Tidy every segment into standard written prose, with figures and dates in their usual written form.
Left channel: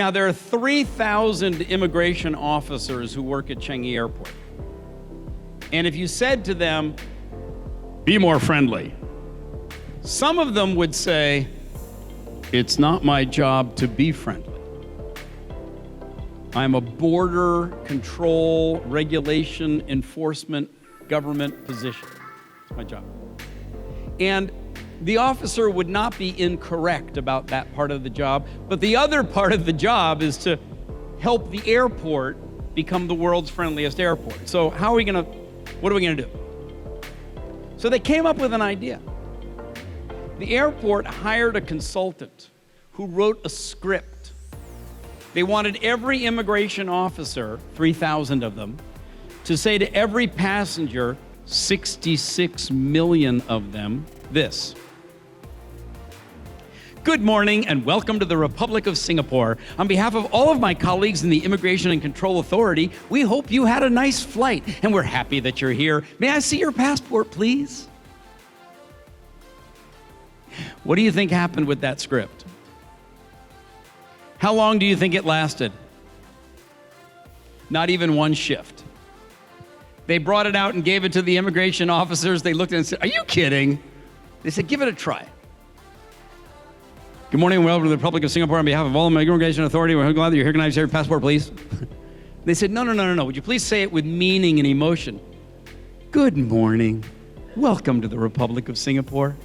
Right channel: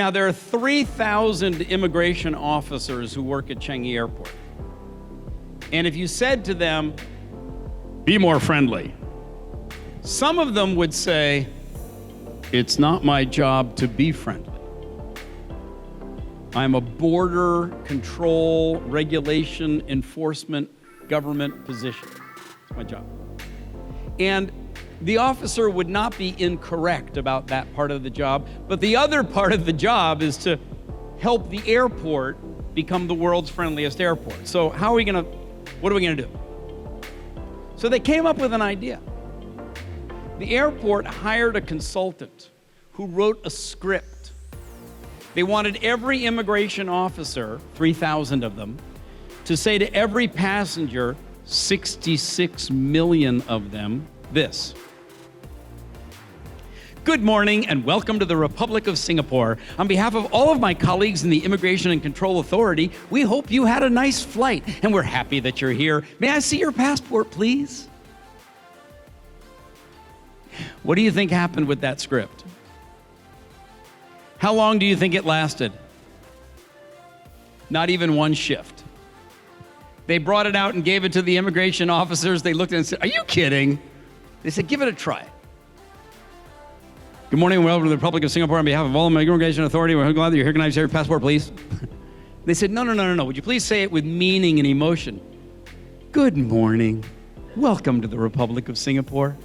Now, there are 3,000 immigration officers who work at Changi Airport. And if you said to them, be more friendly, some of them would say, it's not my job to be friendly. I'm a border control, regulation, enforcement, government position. It's my job. And the officer would not be incorrect about that part of the job, but the other part of the job is to help the airport become the world's friendliest airport. So what are we gonna do? So they came up with an idea. The airport hired a consultant who wrote a script. They wanted every immigration officer, 3,000 of them, to say to every passenger, 66 million of them, this: good morning and welcome to the Republic of Singapore. On behalf of all of my colleagues in the Immigration and Control Authority, we hope you had a nice flight and we're happy that you're here. May I see your passport, please? What do you think happened with that script? How long do you think it lasted? Not even one shift. They brought it out and gave it to the immigration officers. They looked at it and said, are you kidding? They said, give it a try. Good morning and welcome to the Republic of Singapore. On behalf of all my Immigration Authority, we're glad that you recognize your passport, please. They said, no. Would you please say it with meaning and emotion? Good morning. Welcome to the Republic of Singapore.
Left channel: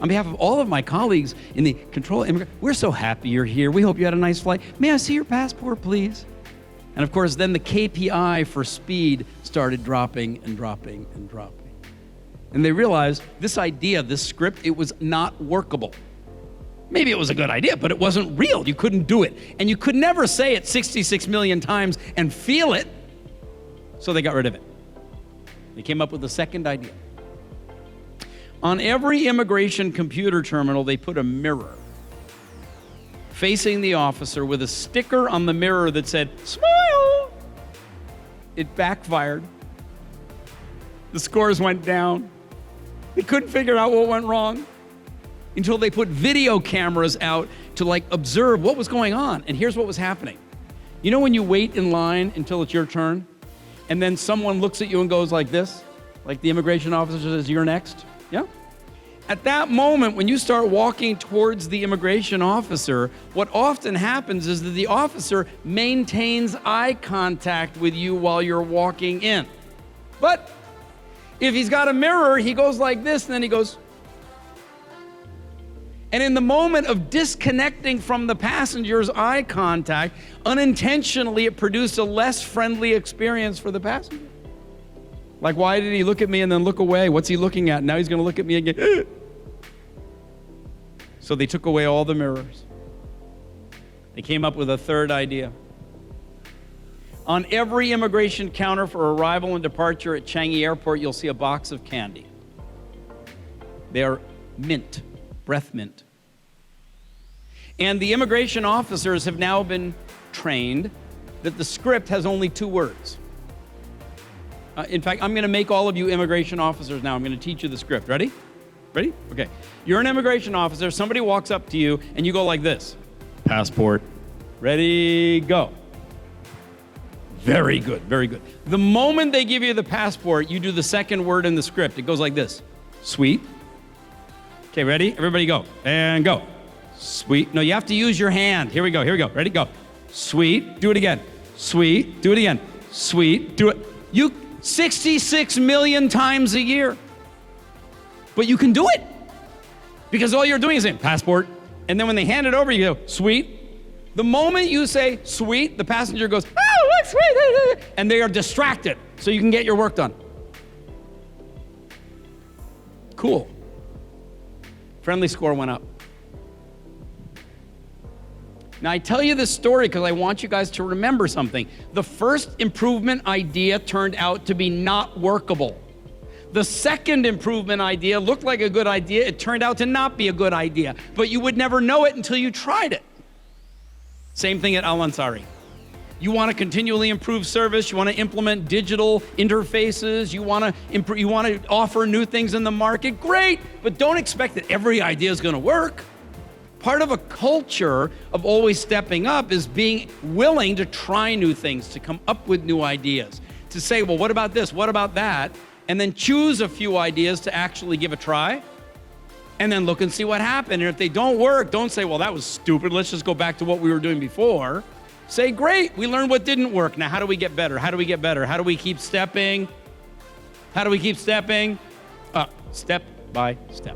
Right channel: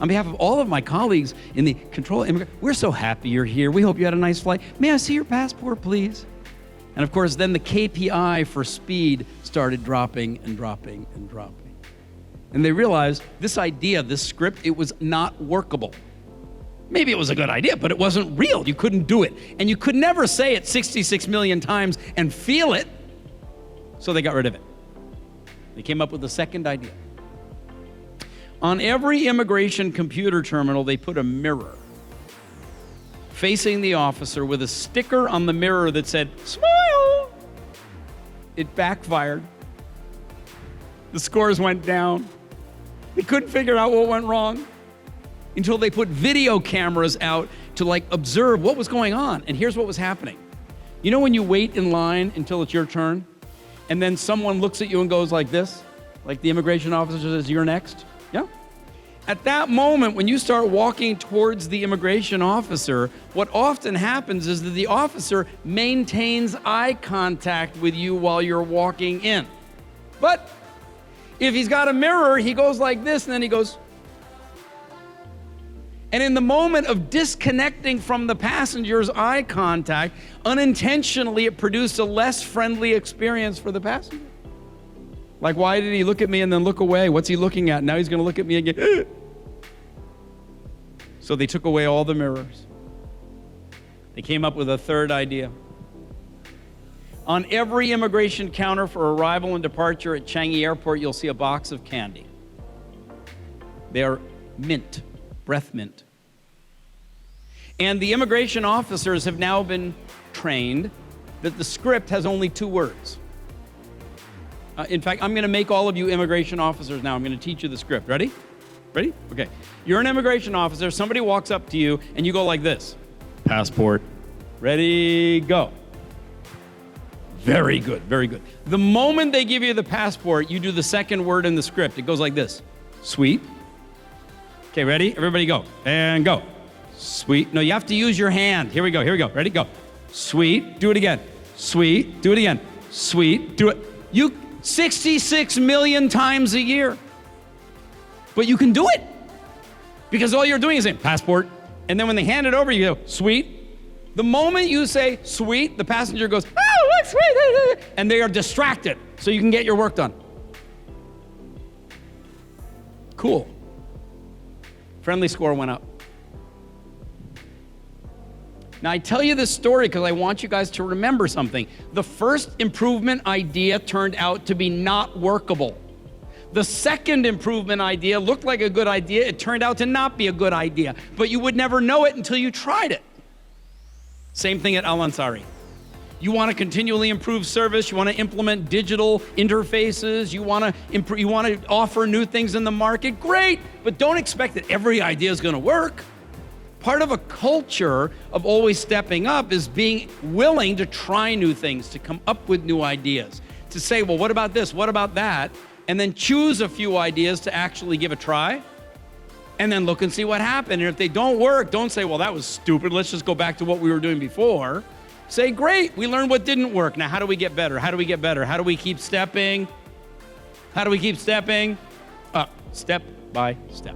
On behalf of all of my colleagues in the control immigration, we're so happy you're here. We hope you had a nice flight. May I see your passport, please? And of course, then the KPI for speed started dropping and dropping and dropping. And they realized this idea, this script, it was not workable. Maybe it was a good idea, but it wasn't real. You couldn't do it. And you could never say it 66 million times and feel it. So they got rid of it. They came up with a second idea. On every immigration computer terminal, they put a mirror facing the officer with a sticker on the mirror that said, smile. It backfired. The scores went down. They couldn't figure out what went wrong until they put video cameras out to observe what was going on. And here's what was happening. You know when you wait in line until it's your turn, and then someone looks at you and goes like this, like the immigration officer says, you're next? Yeah. At that moment, when you start walking towards the immigration officer, what often happens is that the officer maintains eye contact with you while you're walking in. But if he's got a mirror, he goes like this, and then he goes. And in the moment of disconnecting from the passenger's eye contact, unintentionally it produced a less friendly experience for the passenger. Like, why did he look at me and then look away? What's he looking at? Now he's going to look at me again. So they took away all the mirrors. They came up with a third idea. On every immigration counter for arrival and departure at Changi Airport, you'll see a box of candy. They're mint, breath mint. And the immigration officers have now been trained that the script has only 2 words. In fact, I'm going to make all of you immigration officers now. I'm going to teach you the script. Ready? Ready? Okay. You're an immigration officer. Somebody walks up to you, and you go like this. Passport. Ready, go. Very good, very good. The moment they give you the passport, you do the second word in the script. It goes like this. Sweet. Okay, ready? Everybody go. And go. Sweet. No, you have to use your hand. Here we go. Ready, go. Sweet. Do it again. Sweet. Do it again. Sweet. Do it. 66 million times a year. But you can do it. Because all you're doing is saying, passport. And then when they hand it over, you go, sweet. The moment you say sweet, the passenger goes, oh, what's sweet? And they are distracted. So you can get your work done. Cool. Friendly score went up. Now, I tell you this story because I want you guys to remember something. The first improvement idea turned out to be not workable. The second improvement idea looked like a good idea. It turned out to not be a good idea, but you would never know it until you tried it. Same thing at Al Ansari. You want to continually improve service. You want to implement digital interfaces. You want to offer new things in the market. Great, but don't expect that every idea is going to work. part of a culture of always stepping up is being willing to try new things, to come up with new ideas, to say, well, what about this? What about that? And then choose a few ideas to actually give a try. And then look and see what happened. And if they don't work, don't say, well, that was stupid. Let's just go back to what we were doing before. Say, great, we learned what didn't work. Now, how do we get better? How do we get better? How do we keep stepping? How do we keep stepping up, step by step?